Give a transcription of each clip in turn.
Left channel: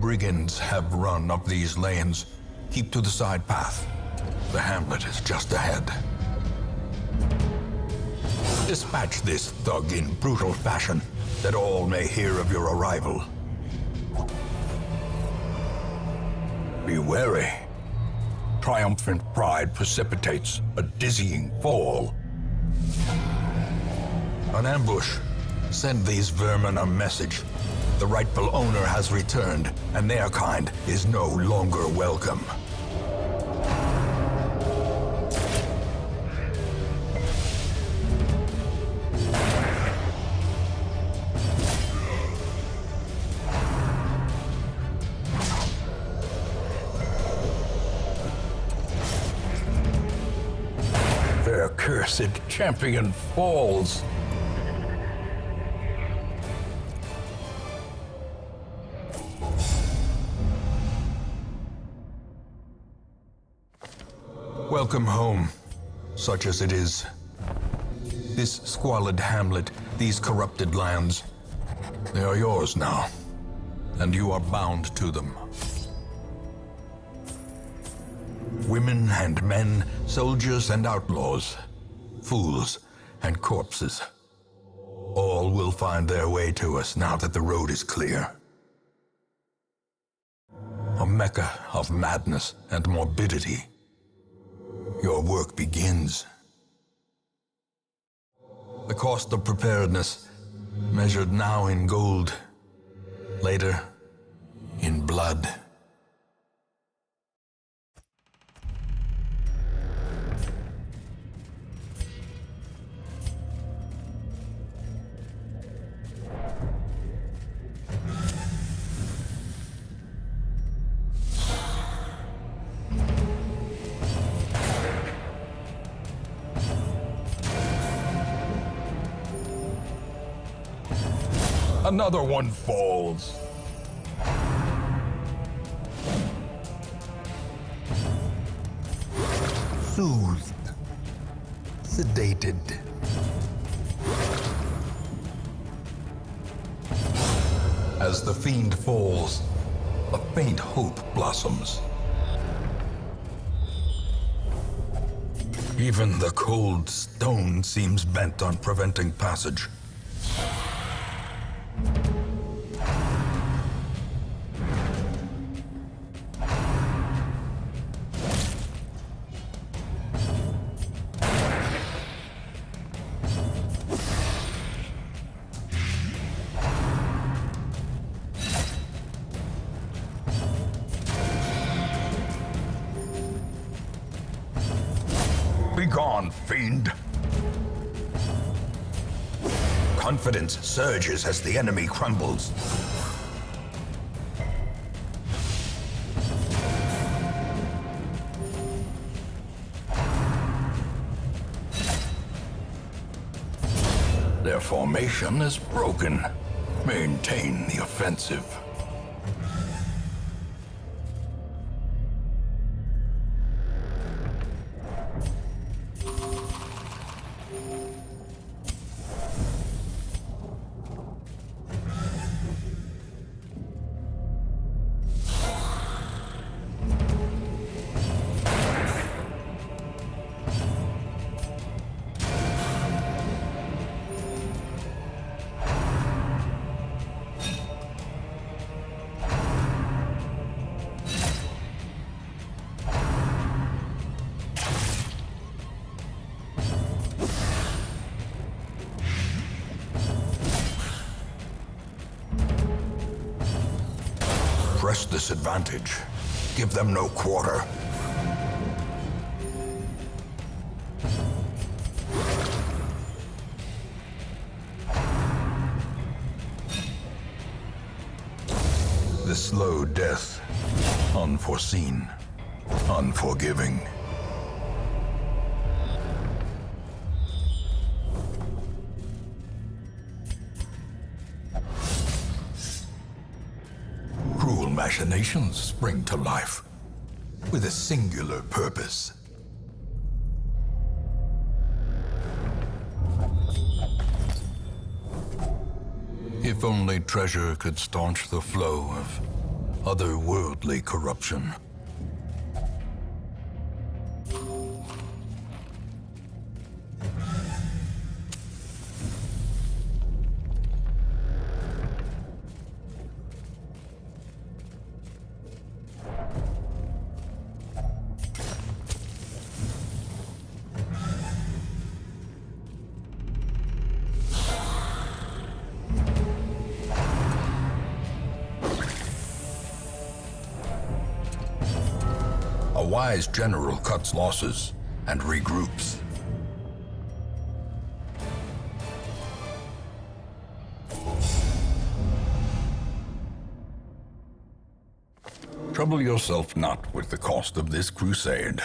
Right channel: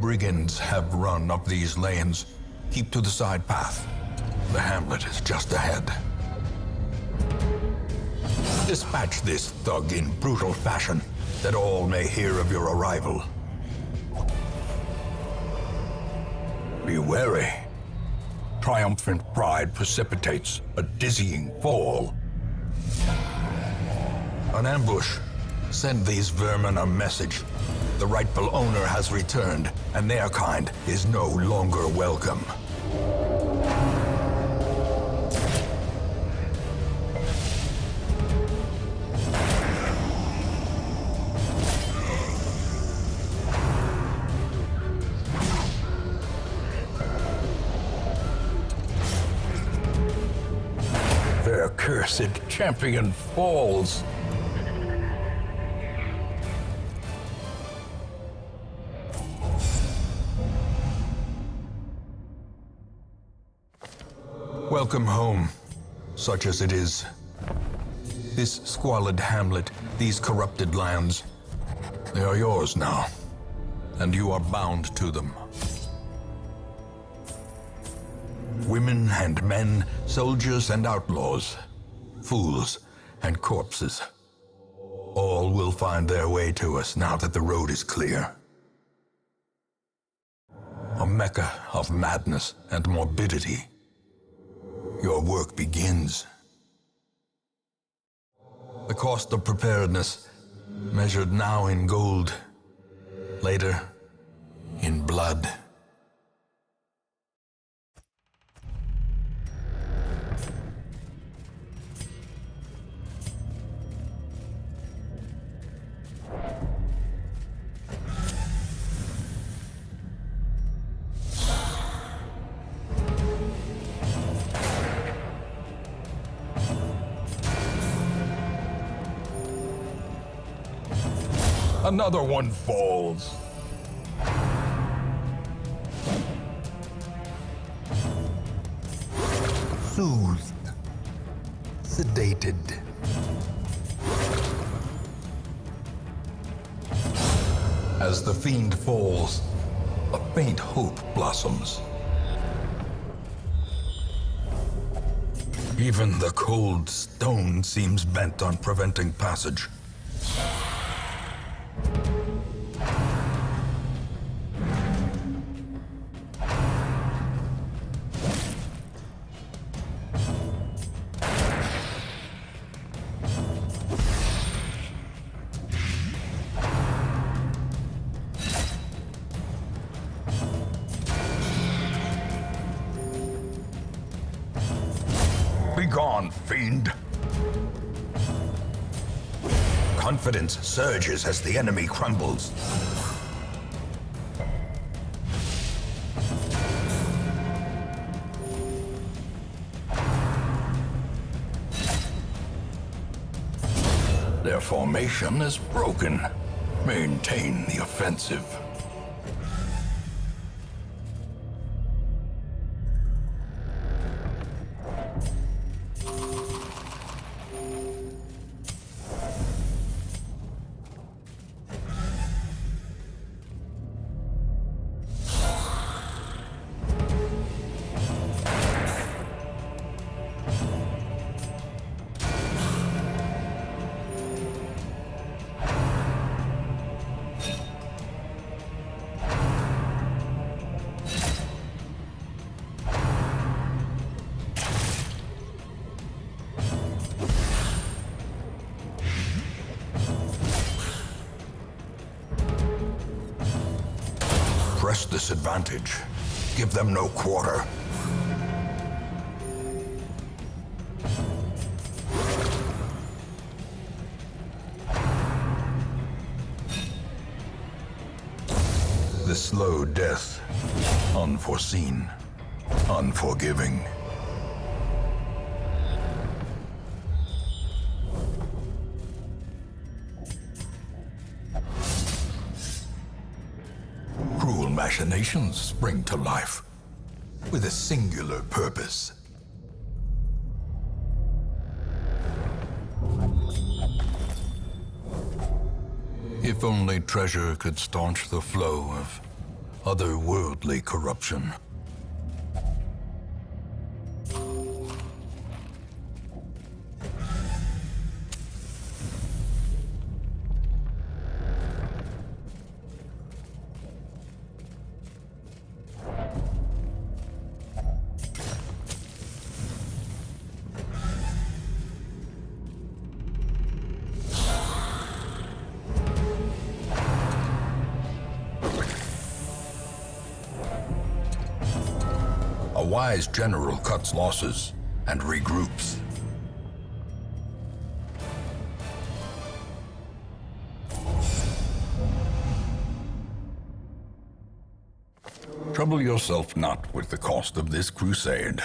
Brigands have run up these lanes. Keep to the side path. The hamlet is just ahead. Dispatch this thug in brutal fashion, that all may hear of your arrival. Be wary. Triumphant pride precipitates a dizzying fall. An ambush. Send these vermin a message. The rightful owner has returned, and their kind is no longer welcome. Their cursed champion falls. Welcome home, such as it is. This squalid hamlet, these corrupted lands, they are yours now, and you are bound to them. Women and men, soldiers and outlaws, fools and corpses, all will find their way to us now that the road is clear. A mecca of madness and morbidity. Your work begins. The cost of preparedness, measured now in gold, later in blood. Another one falls. Soothed, sedated. As the fiend falls, a faint hope blossoms. Even the cold stone seems bent on preventing passage. Begone, fiend! Confidence surges as the enemy crumbles. Their formation is broken. Maintain the offensive. Press this advantage. Give them no quarter. The slow death, unforeseen, unforgiving. Cruel machinations spring to life with a singular purpose. If only treasure could staunch the flow of otherworldly corruption. A wise general cuts losses and regroups. Trouble yourself not with the cost of this crusade.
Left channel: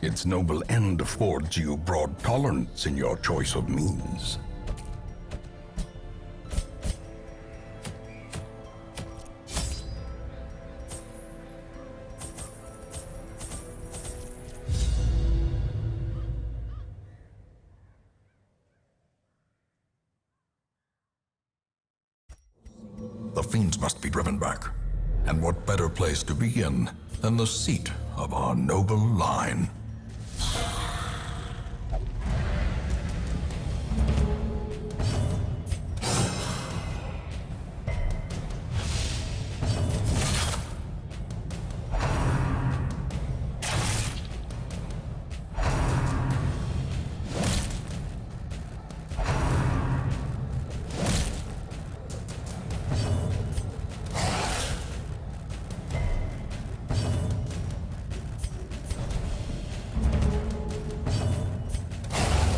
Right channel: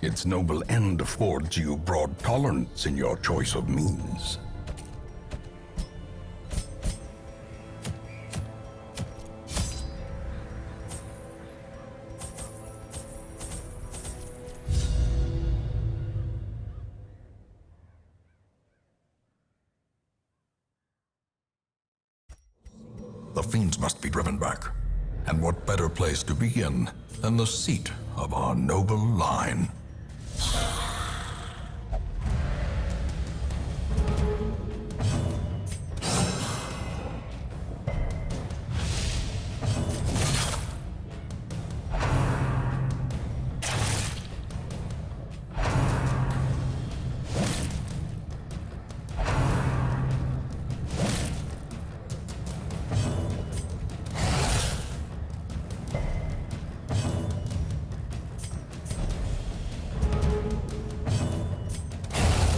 Its noble end affords you broad tolerance in your choice of means. The fiends must be driven back. And what better place to begin than the seat of our noble line?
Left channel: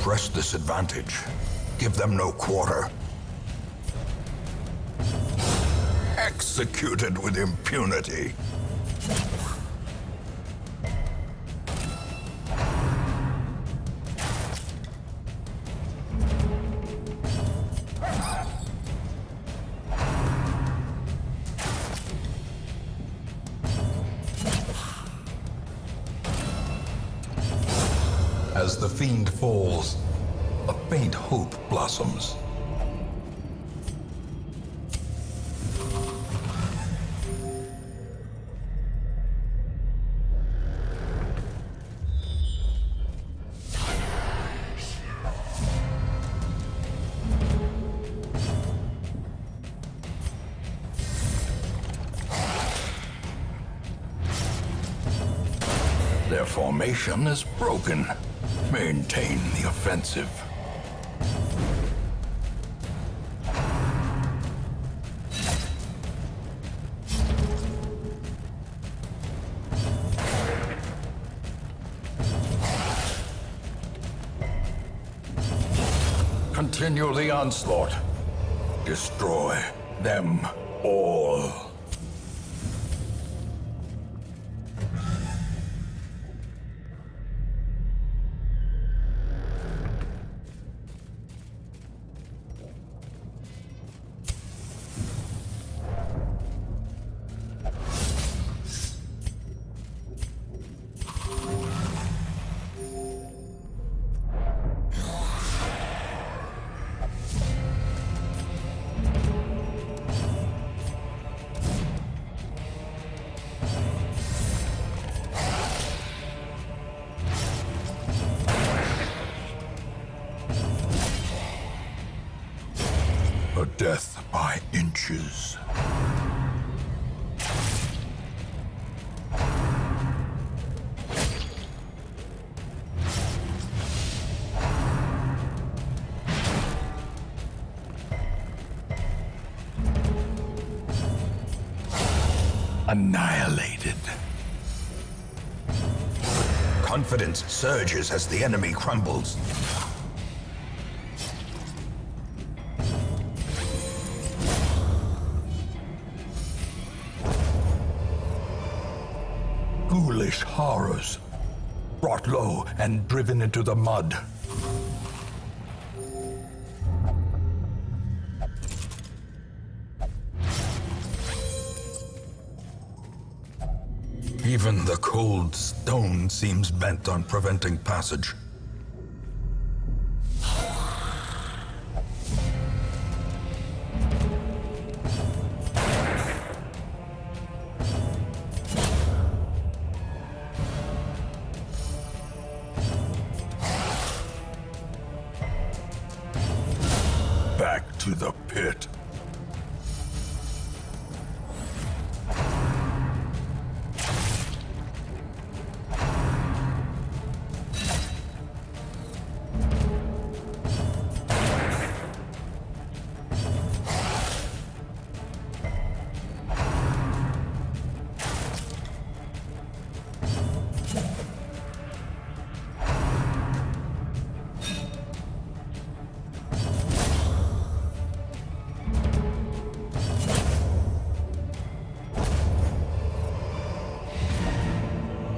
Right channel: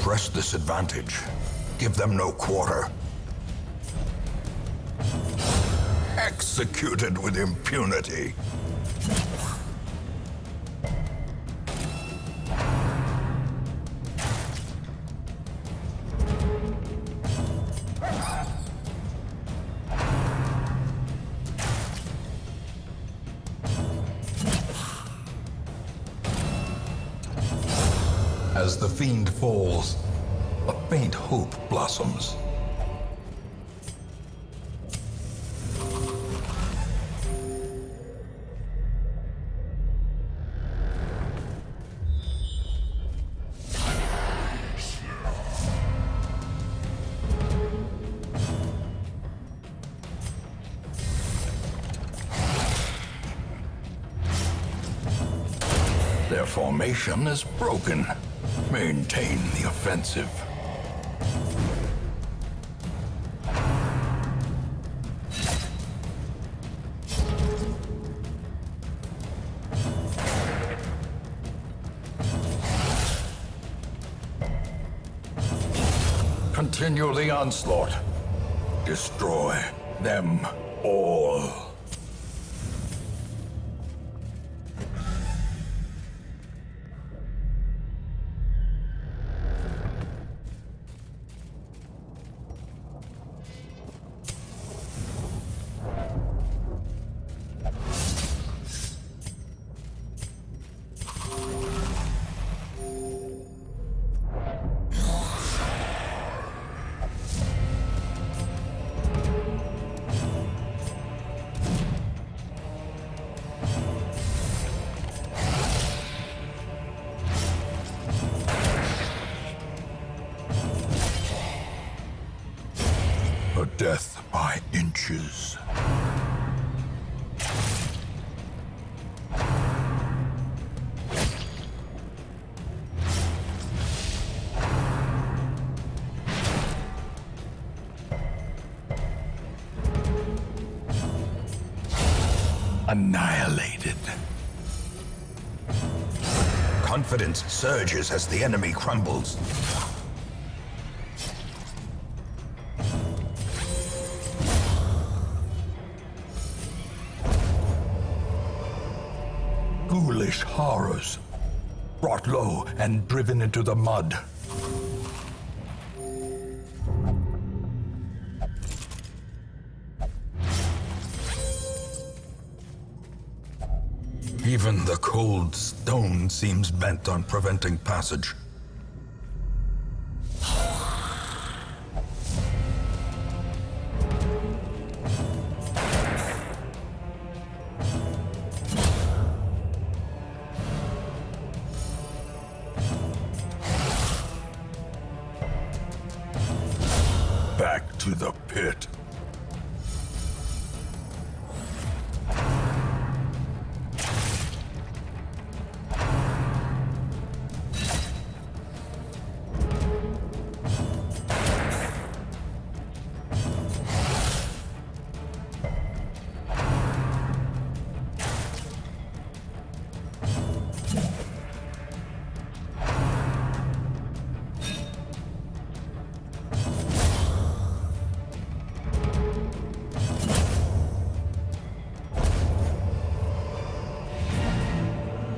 Press this advantage. Give them no quarter. Executed with impunity. As the fiend falls, a faint hope blossoms. Their formation is broken. Maintain the offensive. Continue the onslaught. Destroy them all. A death by inches. Annihilated. Confidence surges as the enemy crumbles. Ghoulish horrors, brought low and driven into the mud. Even the cold stone seems bent on preventing passage. to the pit.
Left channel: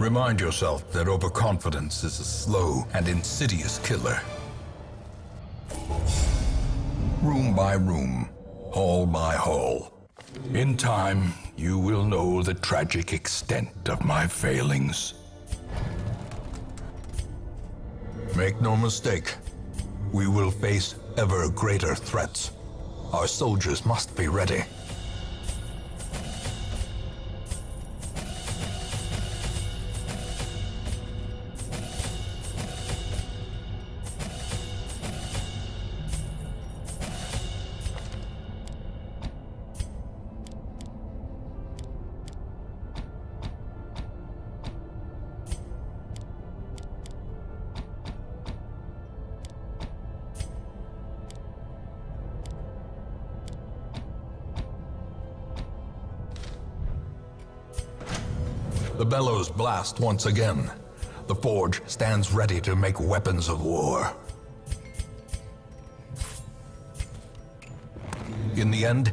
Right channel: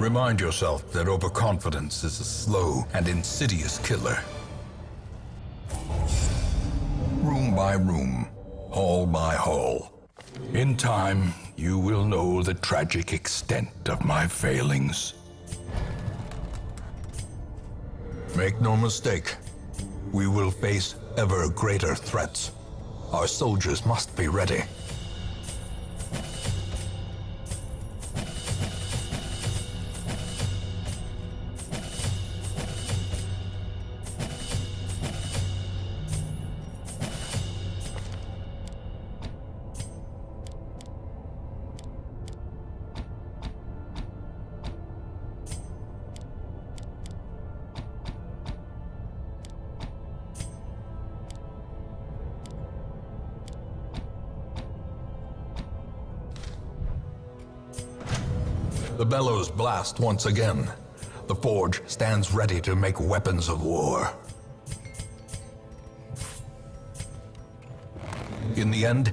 Remind yourself that overconfidence is a slow and insidious killer. Room by room, hall by hall. In time, you will know the tragic extent of my failings. Make no mistake, we will face ever greater threats. Our soldiers must be ready. The bellows blast once again. The forge stands ready to make weapons of war. In the end,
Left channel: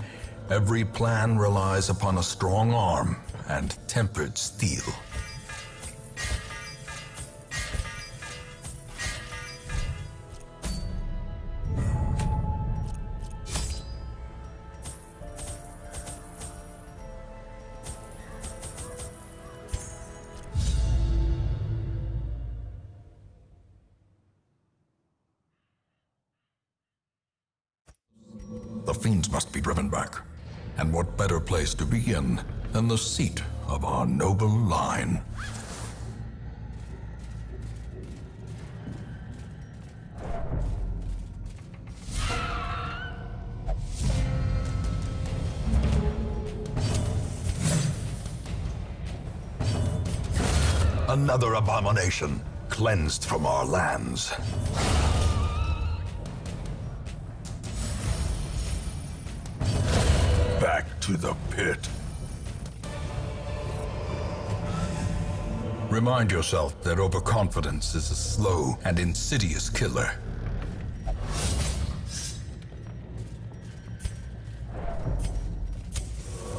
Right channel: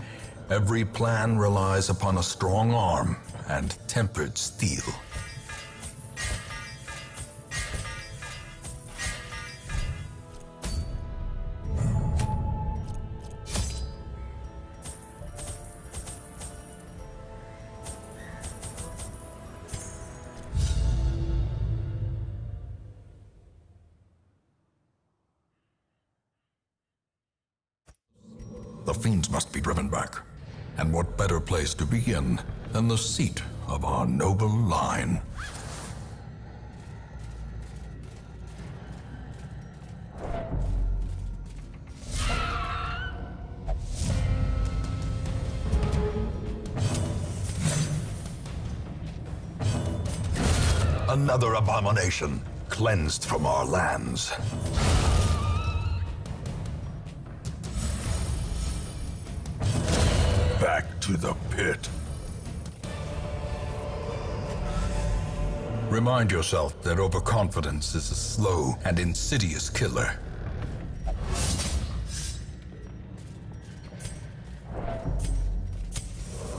every plan relies upon a strong arm and tempered steel. The fiends must be driven back. And what better place to begin than the seat of our noble line? Another abomination cleansed from our lands. Back to the pit. Remind yourself that overconfidence is a slow and insidious killer.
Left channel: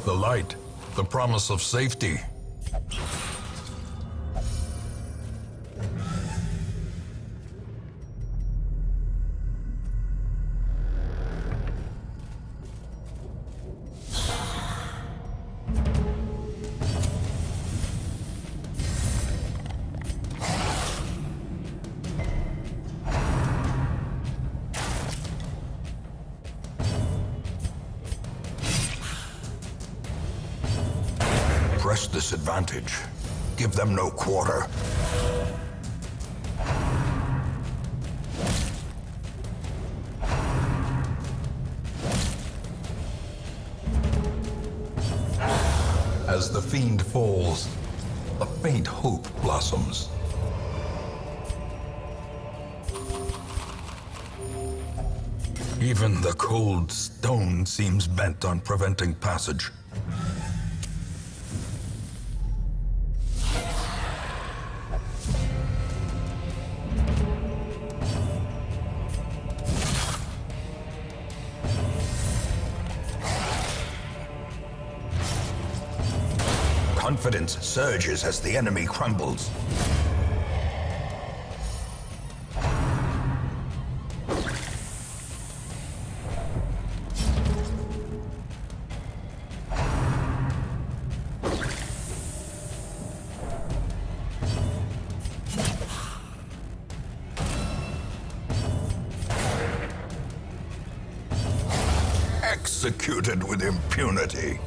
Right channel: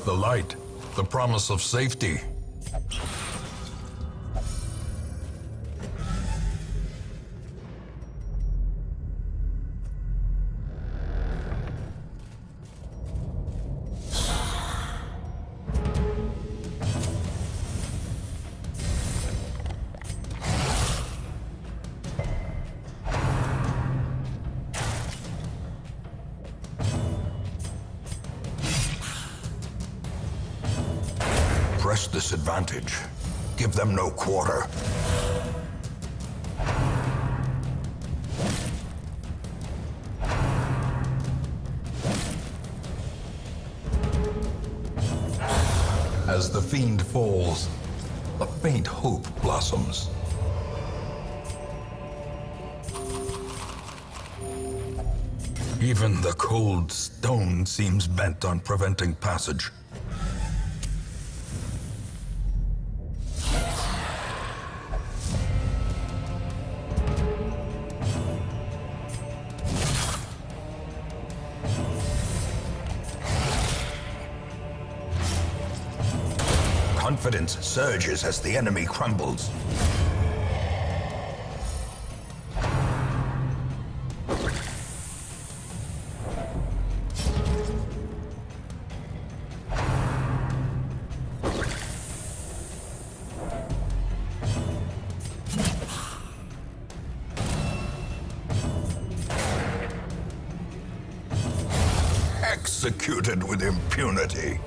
The light, the promise of safety. Press this advantage. Give them no quarter. As the fiend falls, a faint hope blossoms. Even the cold stone seems bent on preventing passage. Confidence surges as the enemy crumbles. Executed with impunity.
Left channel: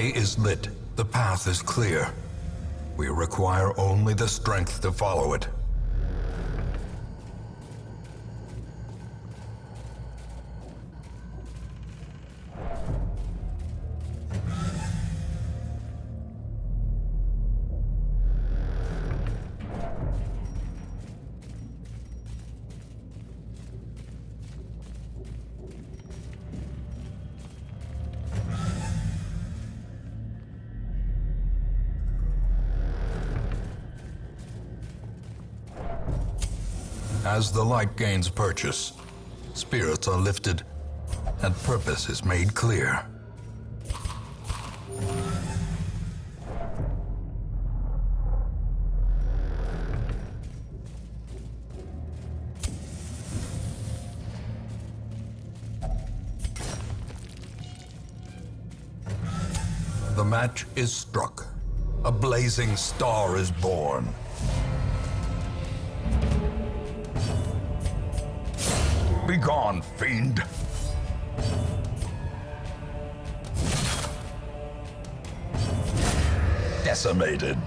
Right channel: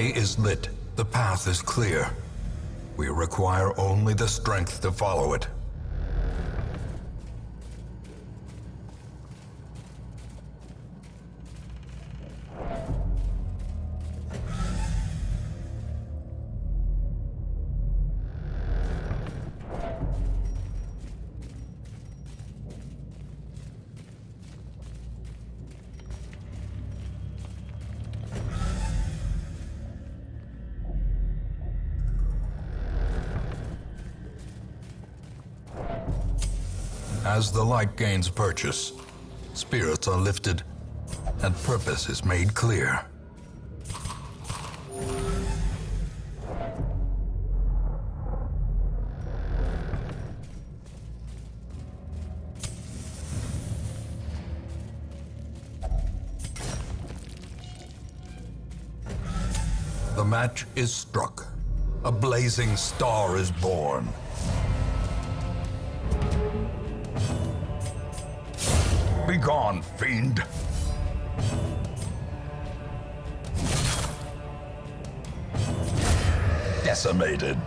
way is lit. The path is clear. We require only the strength to follow it. As the light gains purchase, spirits are lifted, and purpose is made clear. The match is struck. A blazing star is born. Begone, fiend! Decimated.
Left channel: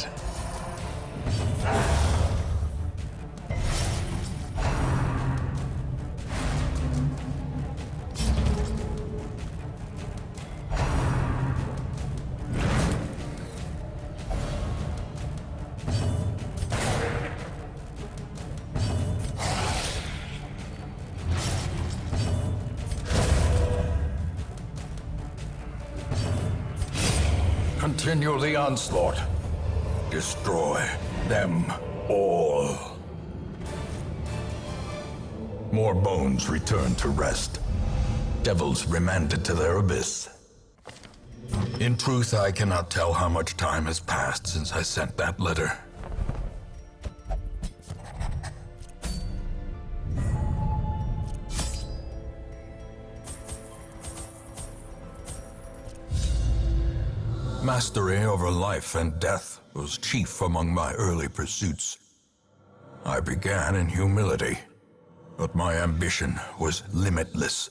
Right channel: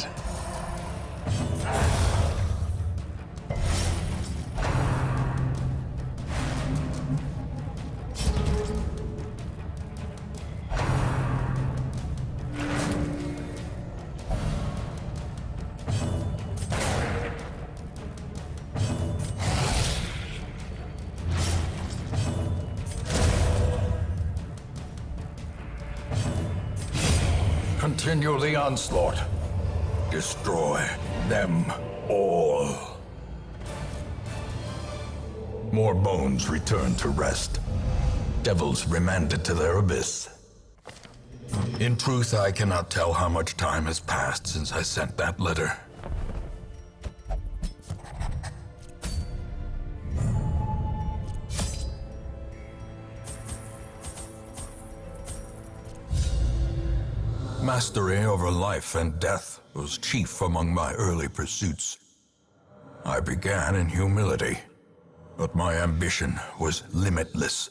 Continue the onslaught. Destroy them all. More bones return to rest. Devils remanded to their abyss. In truth, I cannot tell how much time has passed since I sent that letter. Mastery over life and death was chief among my early pursuits. I began in humility, but my ambition was limitless.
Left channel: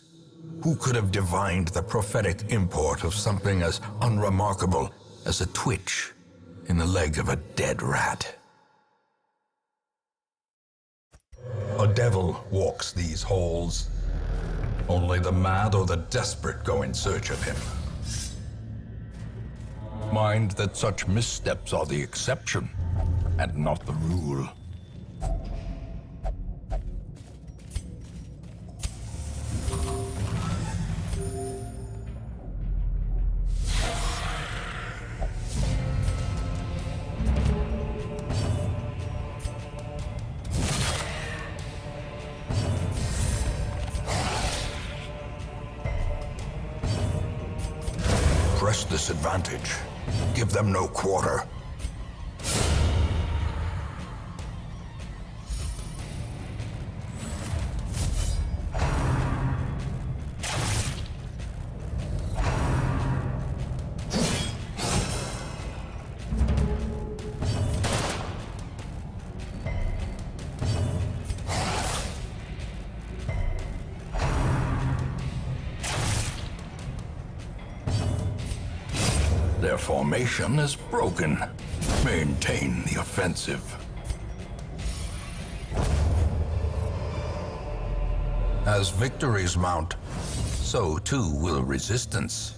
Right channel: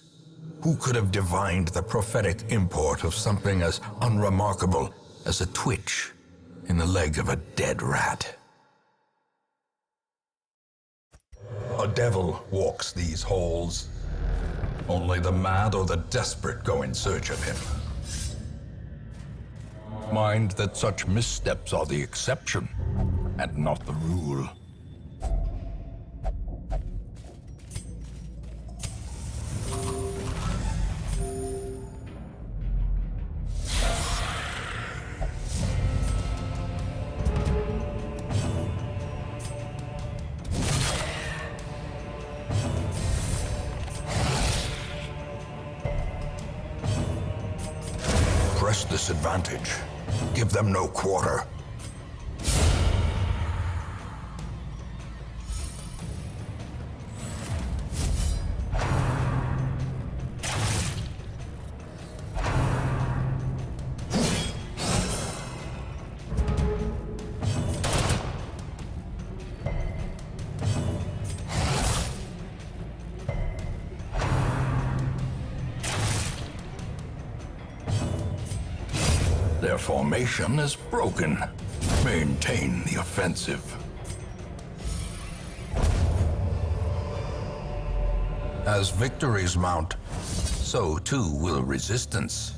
Who could have divined the prophetic import of something as unremarkable as a twitch in the leg of a dead rat? A devil walks these halls. Only the mad or the desperate go in search of him. Mind that such missteps are the exception, and not the rule. Press this advantage. Give them no quarter. Their formation is broken. Maintain the offensive. As victories mount, so too will resistance.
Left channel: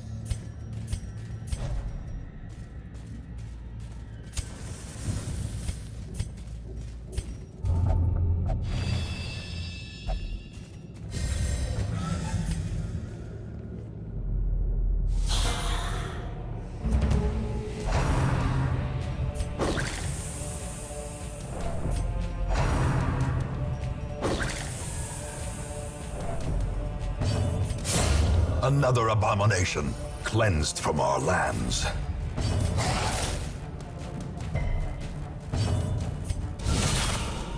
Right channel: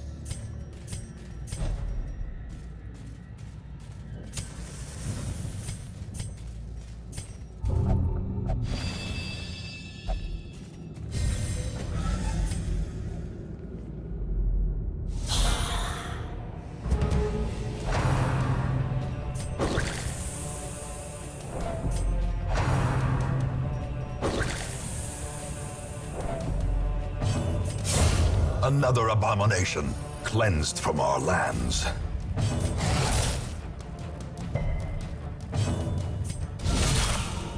Another abomination cleansed from our lands.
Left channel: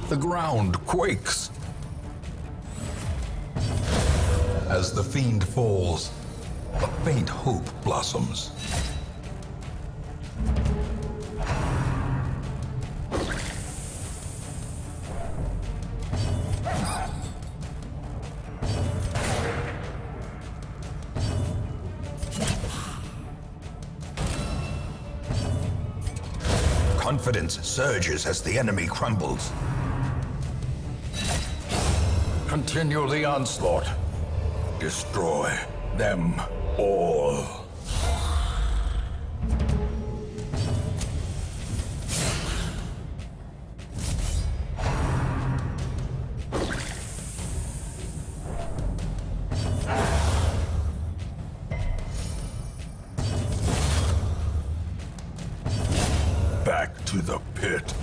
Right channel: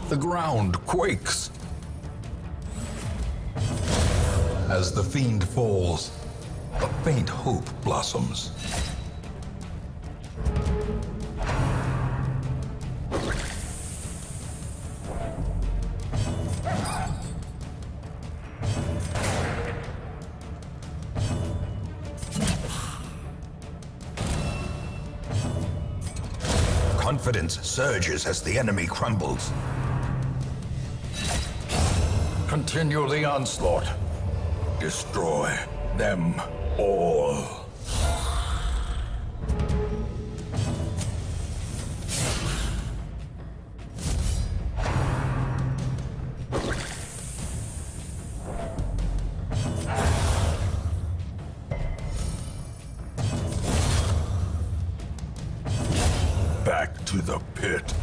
The ground quakes. As the fiend falls, a faint hope blossoms. confidence surges as the enemy crumbles. Continue the onslaught. Destroy them all. Back to the pit.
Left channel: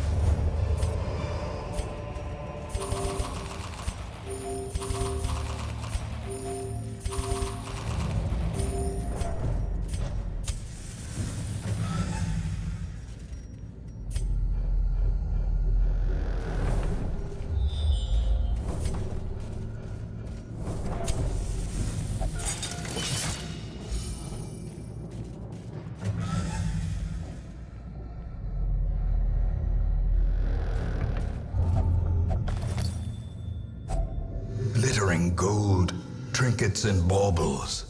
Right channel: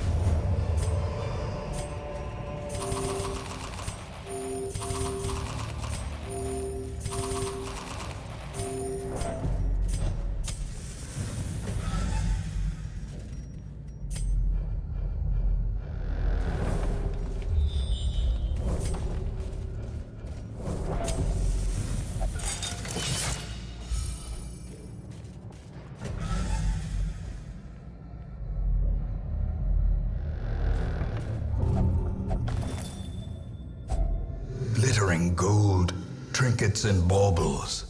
Glittering gold, trinkets and baubles,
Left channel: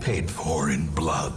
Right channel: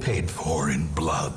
paid for in blood.